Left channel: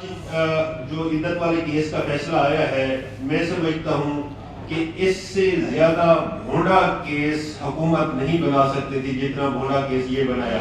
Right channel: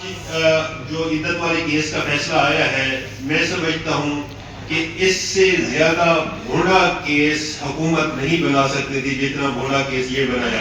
جو عدت والے کیس کا فیصلہ آیا ہے، میں سمجھتا ہوں کہ اس سے زیادہ بھونڈا کیس حکومت نہیں بنا سکتی تھی جتنا بھونڈا کیس یہ بنایا۔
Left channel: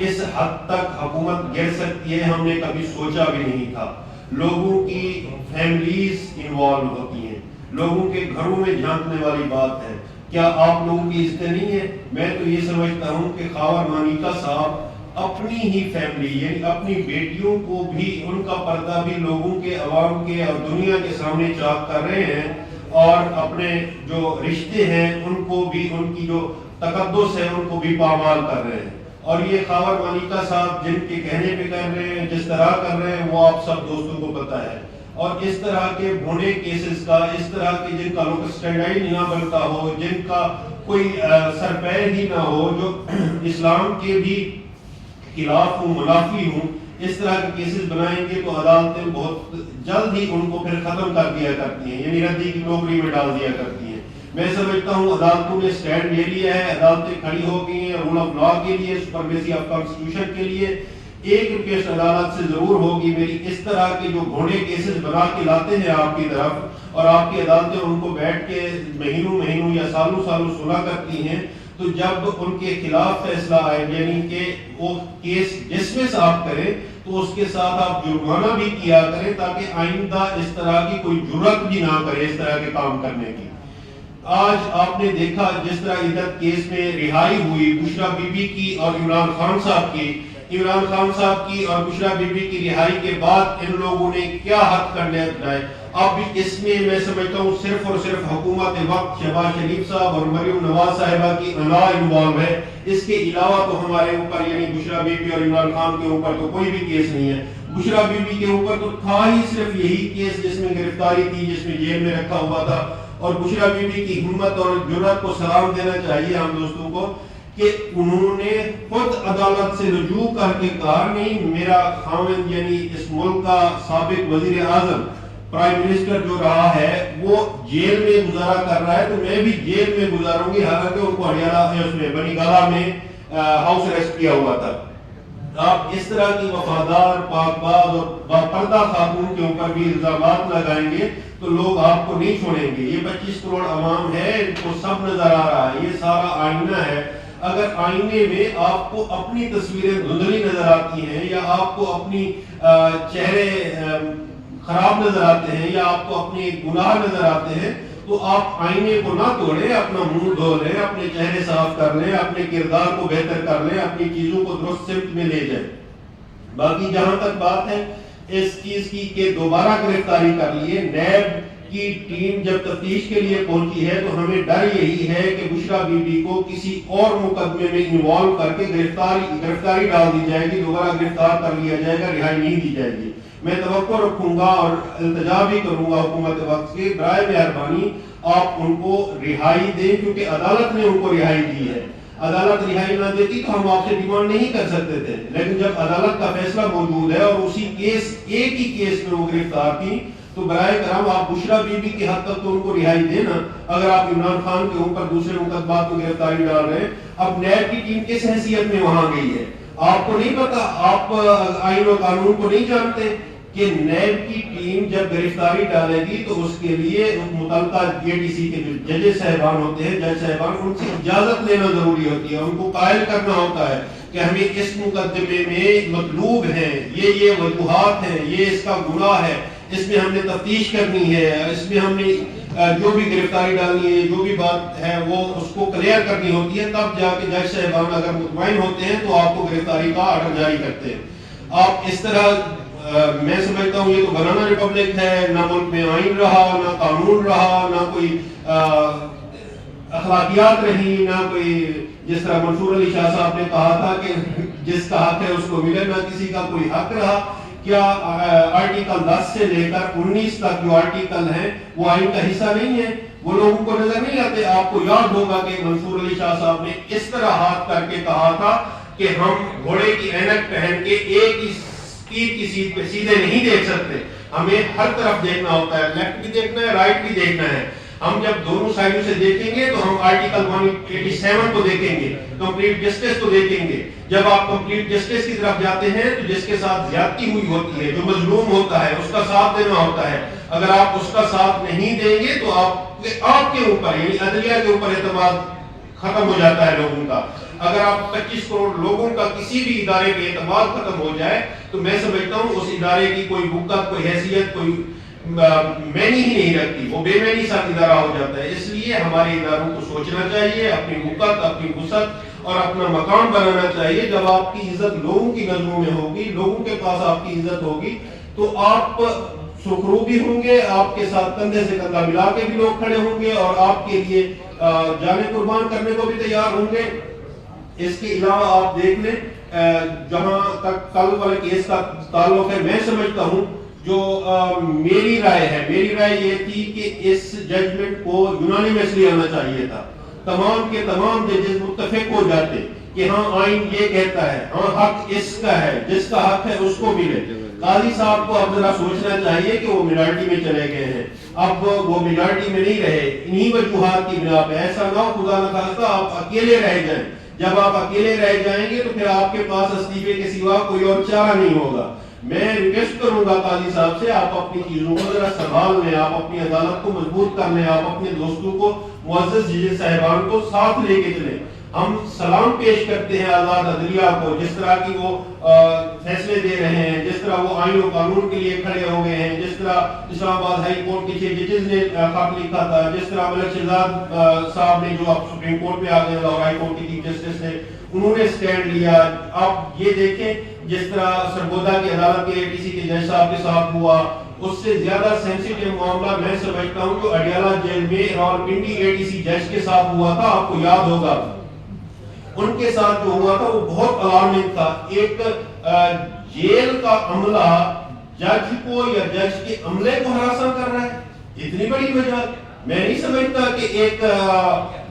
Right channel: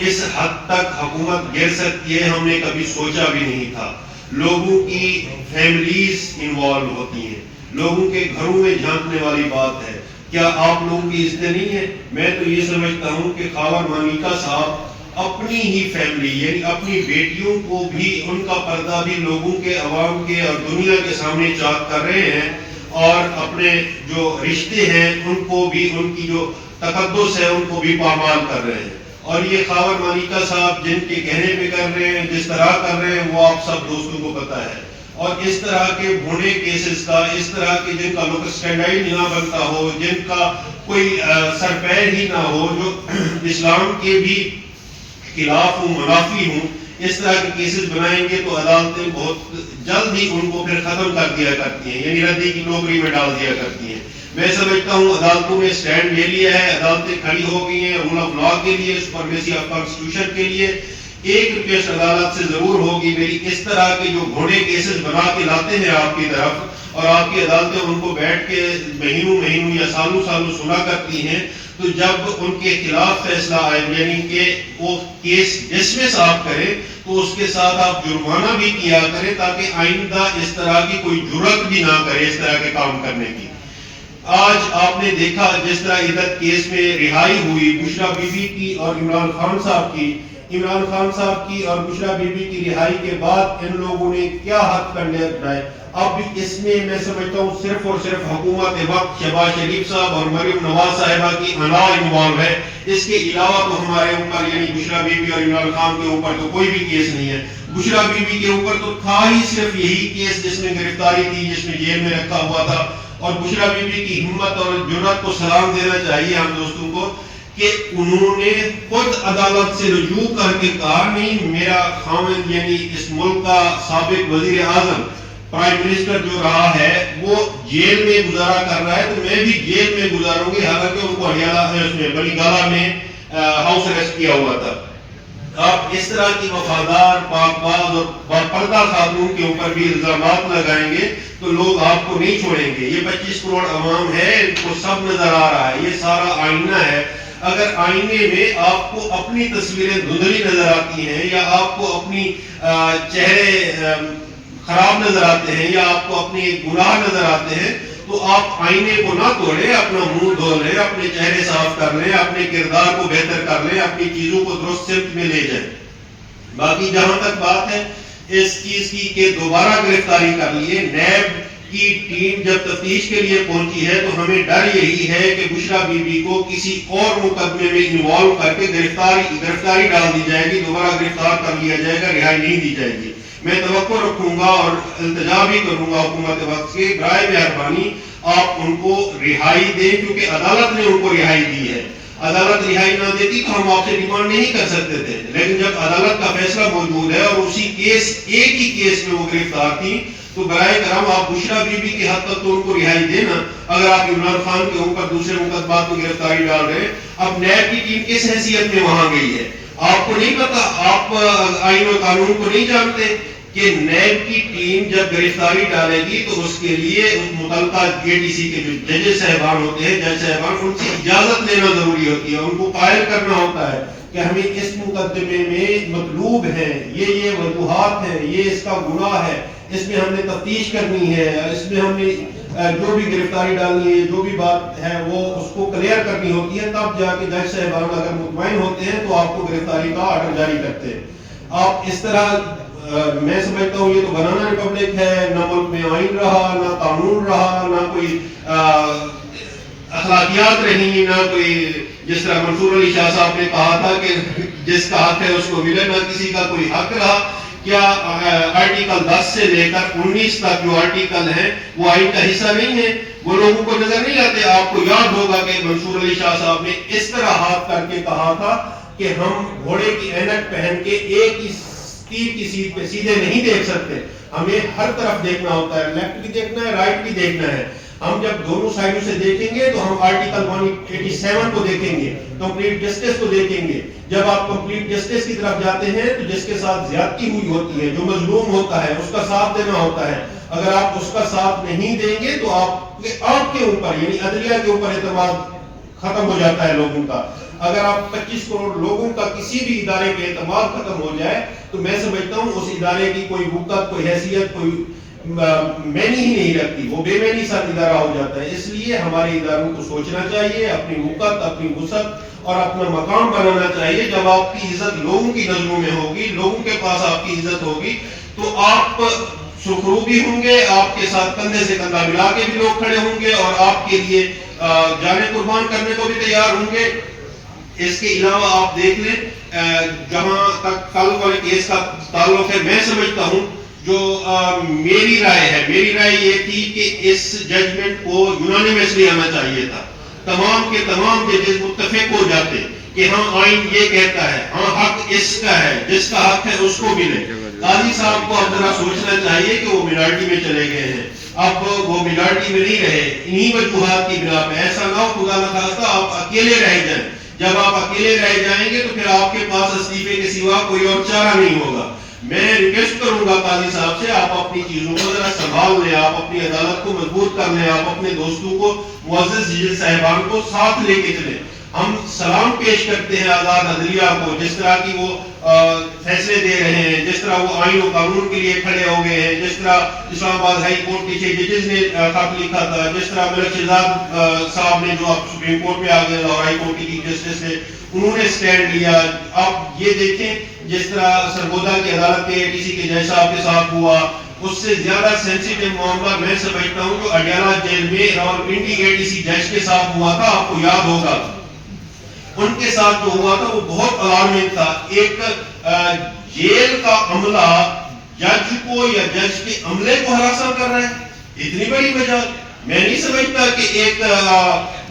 اس حد تک حکومت گر سکتی ہے ہم نے کبھی سوچا بھی نہیں تھا۔ لوگوں کی فیملیز انوالو ہوتی ہیں، لوگوں کے گھروں میں جھانکنے والی بات ہے۔ کیا آپ لوگوں کی عزت نہیں ہے؟ میں تو یہ سمجھتا ہوں کہ خاور مانیکا صاحب اپنی ہی فیملی یعنی اپنی بیٹیوں کو بھی، ان کا پردہ بھی لوگوں کے، عوام کے اور دنیا کے سامنے چاک کر رہے ہیں، اور اپنے جو رشتے ہیں ان کو بھی، ان کی جو تقدس ہے ان کو بھی پامال کر رہے ہیں۔ اور یہ خاور مانیکا صاحب جن کے کہنے پہ کر رہے ہیں، جس طرح کر رہے ہیں، وہ آپ سب دوستوں کو پتا ہے۔ اور اس طرح کے بھونڈے کیسز کا، اس طرح کے جن کا لوکس اسٹینڈائڈ نہ بنتا ہو، جن کا کوئی سرپیر ہی نہ ہو، جو اسلام کے بھی خلاف ہوں، منافی ہوں، اس طرح کے کیسز بنائیں گے تو عدالتیں بہت جلد ہی ان کو پھر ختم کر دیا کرتی ہیں، یعنی ردی کی ٹوکری میں ڈال دیا کرتی ہیں۔ میں سمجھتا ہوں عدالتوں نے سٹینڈ لے لیا ہے، عدالتیں کھڑی ہو گئی ہیں رول آف لا کے لیے، سپرمیسی آف کانسٹیٹیوشن کے لیے۔ ایک ریکویسٹ عدالت سے ضرور ہوگی میری، اس طرح کے جو گھوڑے کیسز بنا کے لاتے ہیں آپ کی طرف، اور آپ کی عدالتیں ان کو بیٹھ کے مہینوں یا سالوں سنا کرتی ہیں، تو جب ان کے خلاف فیصلہ آئے یعنی کہ وہ کیس ڈسمس آپ کریں تو اس کے ساتھ آپ جرمانہ بھی کیا کریں، تاکہ آئندہ اس طرح کی کوئی جرات بھی نہ کرے اس طرح کے کام کرنے کی۔ آج آپ نے دیکھا جس طرح عدت کیس میں رہائی ہوئی بشرا بی بی کی اور عمران خان صاحب کی اور بشرا بی بی کی رہائی کے بعد ان لوگوں نے کیا حد کرنے اٹھائے۔ اب بھی اس میں سمجھتا ہوں صرف اور صرف حکومت وقت شہباز شریف صاحب اور مریم نواز صاحبہ کی انا انوالو ہے۔ اس کے علاوہ تو ہمارے اوپر یعنی بشرا بی بی اور عمران خان کے اوپر تو کوئی بھی کیس نہیں ہے۔ بشرا بی بی کے اوپر تو تھا ہی صرف یہی کیس جس میں گرفتاری تھی، جس میں جیل میں رکھا ہوا تھا۔ اور بشرا بی بی کی ہمت اور جرات کو سلام دینا چاہیے ہم دوستوں کو کہ انہوں نے خود عدالت سے رجوع کر کے کہا نہیں، میرا خاوند یعنی اس ملک کا سابق وزیر اعظم، پرائم منسٹر جو رہا ہے، وہ جیل میں گزارا کر رہا ہے تو میں بھی جیل میں گزاروں گی، حالانکہ ان کو ہریانہ بلی گالہ میں ہاؤس اریسٹ کیا ہوا تھا۔ آپ اس طرح کی وفادار، پاک باز اور باپردہ خاتون کے اوپر بھی الزامات لگائیں گے تو لوگ آپ کو نہیں چھوڑیں گے۔ یہ 25 کروڑ عوام ہے، ان کو سب نظر آ رہا ہے، یہ سارا آئینہ ہے۔ اگر آئینے میں آپ کو اپنی تصویریں دھندلی نظر آتی ہیں، یا آپ کو اپنی چہرے خراب نظر آتے ہیں، یا آپ کو اپنے گناہ نظر آتے ہیں، تو آپ آئینے کو نہ توڑیں، اپنا منہ دھو لیں، اپنے چہرے صاف کر لیں، اپنے کردار کو بہتر کر لیں، اپنی چیزوں کو درست سمت میں لے جائیں۔ باقی جہاں تک بات ہے اس چیز کی کہ دوبارہ گرفتاری کر لیے، نیب کی ٹیم جب تفتیش کے لیے پہنچی ہے تو ہمیں ڈر یہی ہے کہ بشرا بی بی کو کسی اور مقدمے میں انوالو کر کے گرفتاری ڈال دی جائے گی، دوبارہ گرفتار کر لیا جائے گا، رہائی نہیں دی جائے گی۔ میں توقع رکھوں گا اور التجا بھی کروں گا حکومت وقت کے، برائے مہربانی آپ ان کو رہائی دیں، کیونکہ عدالت نے ان کو رہائی دی ہے۔ عدالت رہائی نہ دیتی تو ہم آپ سے ڈیمانڈ نہیں کر سکتے تھے، لیکن جب عدالت کا فیصلہ موجود ہے اور اسی کیس، ایک ہی کیس میں وہ گرفتار تھی، تو برائے کرم آپ بشرا بی بی کی حد تک تو ان کو رہائی دینا۔ اگر آپ عمران خان کے اوپر دوسرے مقدمات میں گرفتاری ڈال رہے ہیں، اب نیب کی ٹیم کس حیثیت میں وہاں گئی ہے؟ آپ کو نہیں پتا؟ آپ آئین و قانون کو نہیں جانتے کہ نیب کی ٹیم جب گرفتاری ڈالے گی تو اس کے لیے متعلقہ جے ڈی سی کے جو ججز صاحبان ہوتے ہیں، جج صاحبان، ان سے اجازت لینا ضروری ہوتی ہے، ان کو قائل کرنا ہوتا ہے کہ ہمیں اس مقدمے میں مطلوب ہے، یہ وجوہات ہیں، یہ اس کا گناہ ہے، اس میں ہم نے تفتیش کرنی ہے، اس میں ہم نے جو بھی گرفتاری ڈالنی ہے، جو بھی بات ہے وہ اس کو کلیئر کرنی ہوتی ہے، تب جا کے جج صاحبان اگر مطمئن ہوتے ہیں تو آپ کو گرفتاری کا آرڈر جاری کرتے ہیں۔ آپ اس طرح میں سمجھتا ہوں یہ تو بنانا ریپبلک ہے، نہ ملک میں آئین رہا، نہ قانون رہا، نہ کوئی اخلاقیات رہی، نہ کوئی، جس طرح منصور علی شاہ صاحب نے کہا تھا کہ جس کا حق ہے اس کو ملے، نہ کسی کا کوئی حق رہا۔ کیا آرٹیکل 10 سے لے کر 19 تک جو آرٹیکل ہیں وہ آئین کا حصہ نہیں ہے؟ وہ لوگوں کو نظر نہیں آتے؟ آپ کو یاد ہوگا کہ منصور علی شاہ صاحب نے اس طرح ہاتھ کر کے کہا تھا کہ ہم گھوڑے کی اینک پہن کے ایک ہی تیر کی سیٹ پہ سیدھے نہیں دیکھ سکتے، ہمیں ہر طرف دیکھنا ہوتا ہے، لیفٹ بھی دیکھنا ہے، رائٹ بھی دیکھنا ہے۔ ہم جب دونوں سائڈوں سے دیکھیں گے تو ہم آرٹیکل 187 کو دیکھیں گے، کمپلیٹ جسٹس کو دیکھیں گے. جب آپ کمپلیٹ جسٹس کی طرف جاتے ہیں تو جس کے ساتھ زیادتی ہوئی ہوتی ہے، جو مظلوم ہوتا ہے، اس کا ساتھ دینا ہوتا ہے. اگر آپ اس کا ساتھ نہیں دیں گے تو آپ کے اوپر یعنی عدلیہ کے اوپر اعتماد ختم ہو جاتا ہے لوگوں کا. اگر آپ 25 کروڑ لوگوں کا کسی بھی ادارے پہ اعتماد ختم ہو جائے تو میں سمجھتا ہوں اس ادارے کی کوئی وقت، کوئی حیثیت، کوئی معنی ہی نہیں رکھتی، وہ بے معنی سا ادارہ ہو جاتا ہے. اس لیے ہمارے اداروں کو سوچنا چاہیے، اپنی وقت، اپنی وسعت اور اپنا مقام بنانا چاہیے. جب آپ کی عزت لوگوں کی نظروں میں ہوگی، لوگوں کے پاس آپ کی عزت ہوگی تو آپ سرخرو بھی ہوں گے، آپ کے ساتھ کندھے سے کندھا ملا کے بھی لوگ کھڑے ہوں گے اور آپ کے لیے جانیں قربان کرنے کو بھی تیار ہوں گے. اس کے علاوہ آپ دیکھ لیں جہاں تک کل والے کیس کا تعلق ہے، میں سمجھتا ہوں جو میری رائے یہ تھی کہ اس ججمنٹ کو یونانیمسلی آنا چاہیے تھا. تمام کے تمام ججز متفق ہو جاتے کہ ہاں آئین یہ کہتا ہے، ہاں حق اس کا ہے، جس کا حق ہے اس کو ملے. قاضی صاحب کو اب ذرا سوچنا چاہیے کہ وہ مینارٹی میں چلے گئے ہیں، اب وہ مینارٹی میں نہیں رہے انہی وجوہات کی بنا پہ. ایسا نہ ہو خدا نہ خواستہ آپ اکیلے رہ جائیں. جب آپ اکیلے رہ جائیں گے تو پھر آپ کے پاس استعفے کے سوا کوئی اور چارہ نہیں ہوگا. میں ریکویسٹ کروں گا قاضی صاحب سے، آپ اپنی چیزوں کو ذرا سنبھال لیں، آپ اپنی عدالت کو مضبوط کر لیں، آپ اپنے دوستوں کو، معزز جج صاحبان کو ساتھ لے کے چلیں. ہم سلام پیش کرتے ہیں آزاد عدلیہ کو، جس طرح کی وہ فیصلے دے رہے ہیں، جس طرح وہ آئین و قانون کے لیے کھڑے ہو گئے ہیں، جس طرح اسلام آباد ہائی کورٹ کے 6 ججز نے خط لکھا تھا، جس طرح ملک شہزاد صاحب نے جو اب سپریم کورٹ میں آ گئے اور ہائی کورٹ کی چیف جسٹس نے، انہوں نے سٹینڈ لیا. آپ یہ دیکھیں جس طرح سرگودا کی عدالت کے کسی کے جج صاحب کے ساتھ ہوا، اس سے زیادہ سینسیٹیو معاملہ میں سمجھتا ہوں جو اڈیالہ جیل میں راولپنڈی ADC جج کے ساتھ ہوا تھا. آپ کو یاد ہوگا ان کے ساتھ جو ہوا تھا وہ بہت الارمنگ تھا. ایک جیل کا عملہ جج کو یا جج کے عملے کو ہراساں کر رہا ہے، اتنی بڑی وجہ. میں نہیں سمجھتا کہ ایک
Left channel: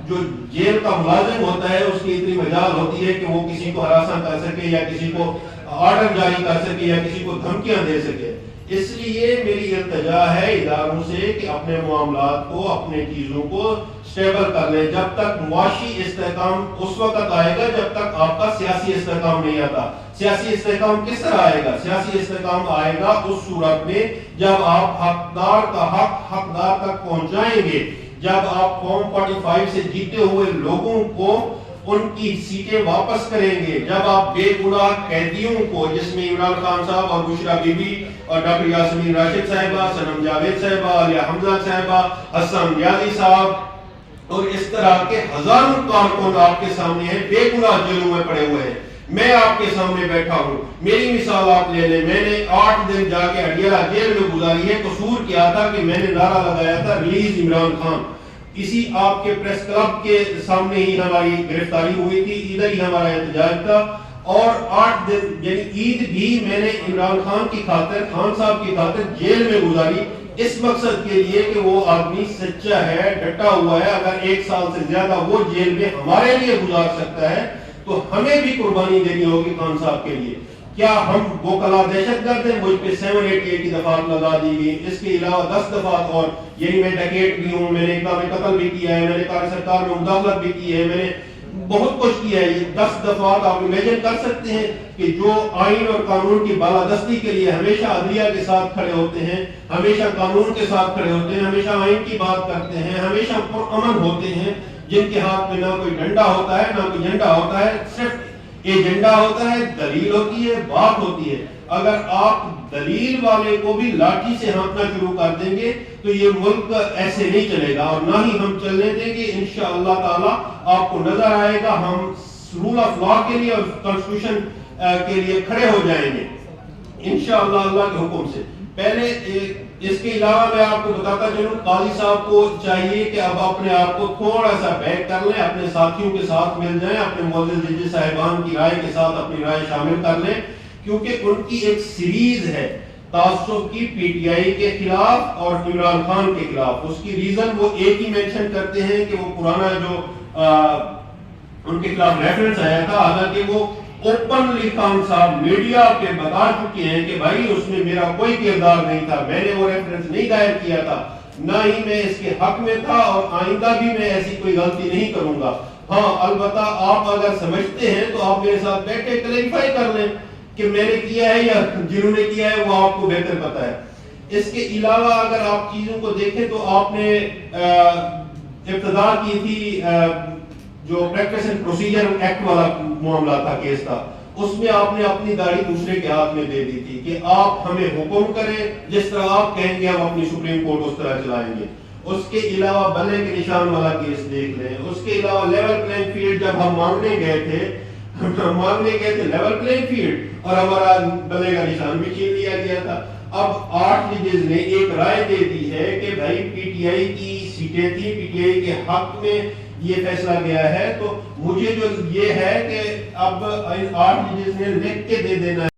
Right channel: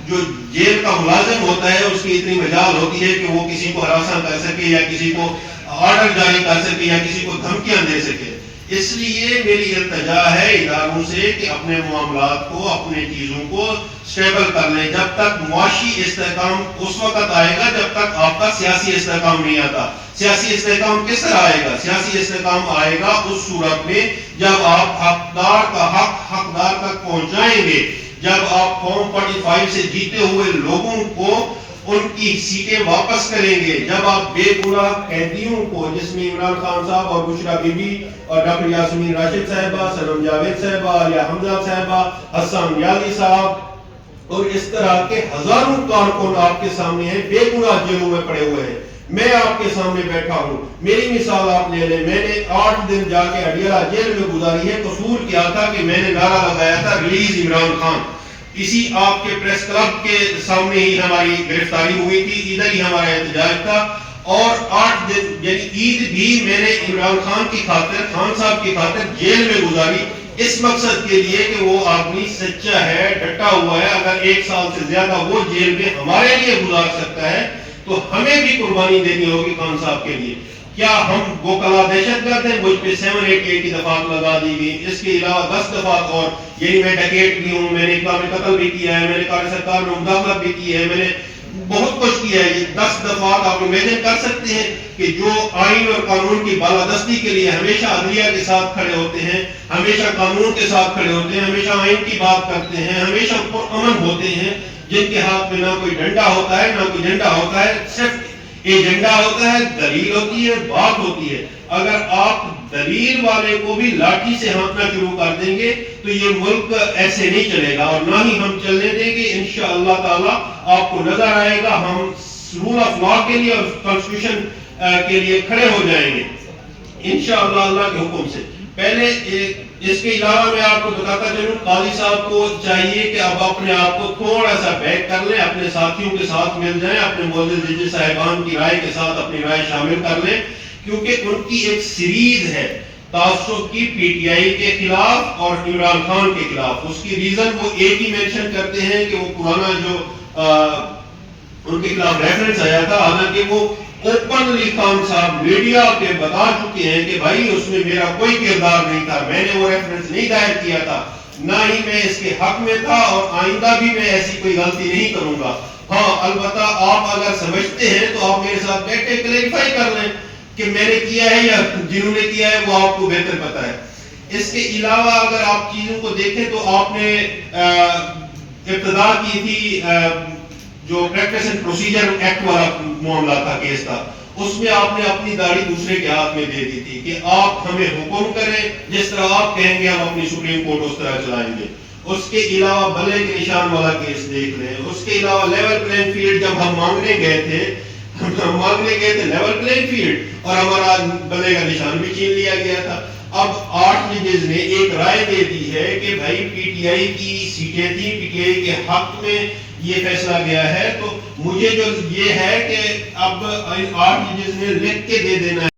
جو جیل کا ملازم ہوتا ہے اس کی اتنی مجال ہوتی ہے کہ وہ کسی کو ہراساں کر سکے یا کسی کو آرڈر جاری کر سکے یا کسی کو دھمکیاں دے سکے. اس لیے میری التجا ہے اداروں سے کہ اپنے معاملات کو، اپنے چیزوں کو سٹیبل کر لیں. جب تک معاشی استحکام اس وقت آئے گا جب تک آپ کا سیاسی استحکام نہیں آتا. سیاسی استحکام کس طرح آئے گا؟ سیاسی استحکام آئے گا اس صورت میں جب آپ حقدار کا حق حقدار تک پہنچائیں گے، جب آپ فارم 45 سے جیتے ہوئے لوگوں کو ان کی سیٹیں واپس کریں گے، جب آپ بے گناہ قیدیوں کو، جس میں عمران خان صاحب اور بشرا بی بی اور ڈاکٹر یاسمین راشد صاحبہ، سنم جاوید صاحبہ، عالیہ حمزہ صاحبہ، حسان یالی صاحب اور اس طرح کے ہزاروں کارکن آپ کے سامنے ہیں، بے گناہ جیلوں میں پڑے ہوئے ہیں. میں آپ کے سامنے بیٹھا ہوں، میری مثال آپ لے لیں. میں نے 8 دن جا کے اڈیالہ جیل میں گزاری ہے. قصور کیا تھا کہ میں نے نعرہ لگایا تھا ریلیز عمران خان. اسی آپ کے پریس کلب کے سامنے ہی ہماری گرفتاری ہوئی تھی، ادھر ہی ہمارا احتجاج تھا. اور 8 دن یعنی عید بھی میں نے عمران خان کی خاطر، خان صاحب کی خاطر جیل میں گزاری، اس مقصد کے لیے کہ وہ آدمی سچا ہے، ڈٹا ہوا ہے. اگر 1 سال سے زیادہ وہ جیل میں ہمارے لیے گزار سکتا ہے تو ہمیں بھی قربانی دینی ہوگی خان صاحب کے لیے. کیا ہم وہ کلا دہشت گرد ہیں؟ مجھ پہ 788 کی دفعات لگا دی گئی. اس کے علاوہ 10 دفعات اور، یعنی میں ڈکیٹ بھی ہوں، میں نے اقدام قتل بھی کیا ہے، میں نے قاری سرکار میں مداخلت بھی کی ہے، میں نے بہت کچھ کیا ہے. یہ 10 دفعات آپ امیجن کر سکتے ہیں کہ جو آئین اور قانون کی بالادستی کے لیے ہمیشہ عدلیہ کے ساتھ کھڑے ہوتے ہیں، ہمیشہ قانون کے ساتھ کھڑے ہوتے ہیں، ہمیشہ آئین کی بات کرتے ہیں، ہمیشہ پرامن ہوتے ہیں، جن کے ہاتھ میں نہ کوئی ڈنڈا ہوتا ہے نہ کوئی جھنڈا ہوتا ہے، صرف ایجنڈا ہوتا ہے، دلیل ہوتی ہے، بات ہوتی ہے. اگر آپ دلیل والے کو بھی لاٹھی سے ہانکنا شروع کر دیں گے تو یہ ملک ایسے نہیں چلے گا، اور نہ ہی ہم چلنے دیں گے. انشاءاللہ تعالی آپ کو نظر آئے گا ہم رول آف لا کے لیے اور کانسٹیٹیوشن کے لیے کھڑے ہو جائیں گے انشاءاللہ اللہ کے حکم سے. پہلے اس کے علاوہ میں آپ کو بتاتا چلوں، قاضی صاحب کو چاہیے کہ اب اپنے آپ کو تھوڑا سا بیک کر لیں، اپنے ساتھیوں کے ساتھ مل جائیں، اپنے معزز جج صاحبان کی رائے کے ساتھ اپنی رائے شامل کر لیں، کیونکہ ان کی ایک سیریز ہے تعصب کی PTI کے خلاف اور عمران خان کے خلاف. اس کی ریزن وہ ایک ہی مینشن کرتے ہیں کہ وہ پرانا جو ان کے خلاف ریفرنس آیا تھا، حالانکہ وہ اوپنلی خان صاحب میڈیا پہ بتا چکے ہیں کہ بھائی اس میں میرا کوئی کردار نہیں تھا، میں نے وہ ریفرنس نہیں دائر کیا تھا. نہ ہی میں اس کے حق میں تھا اور آئندہ بھی میں ایسی کوئی غلطی نہیں کروں گا. ہاں البتہ آپ اگر سمجھتے ہیں تو آپ میرے ساتھ بیٹھ کے کلیریفائی کر لیں کہ میں نے کیا ہے یا جنہوں نے کیا ہے وہ آپ کو بہتر پتا ہے. اس کے علاوہ اگر آپ چیزوں کو دیکھیں تو آپ نے ابتدا کی تھی جو پریکٹس اینڈ پروسیجر ایکٹ والا معاملہ تھا، کیس تھا، اس میں آپ نے اپنی داڑھی دوسرے کے ہاتھ میں دے دی تھی کہ آپ ہمیں حکم کریں، جس طرح آپ کہیں گے ہم اپنی سپریم کورٹ اس طرح چلائیں گے. اس کے علاوہ بلے کے نشان والا کیس دیکھ لیں. اس کے علاوہ لیول پلینگ فیلڈ جب ہم مانگنے گئے تھے لیول پلینگ فیلڈ اور ہمارا بلے کا نشان بھی چھین لیا گیا تھا. اب 8 ججز نے ایک رائے دے دی ہے کہ بھائی پی ٹی آئی کی سیٹیں تھیں، پی ٹی آئی کے حق میں یہ فیصلہ گیا ہے، تو مجھے جو یہ ہے کہ اب 8 ججز نے لکھ کے دے دینا ہے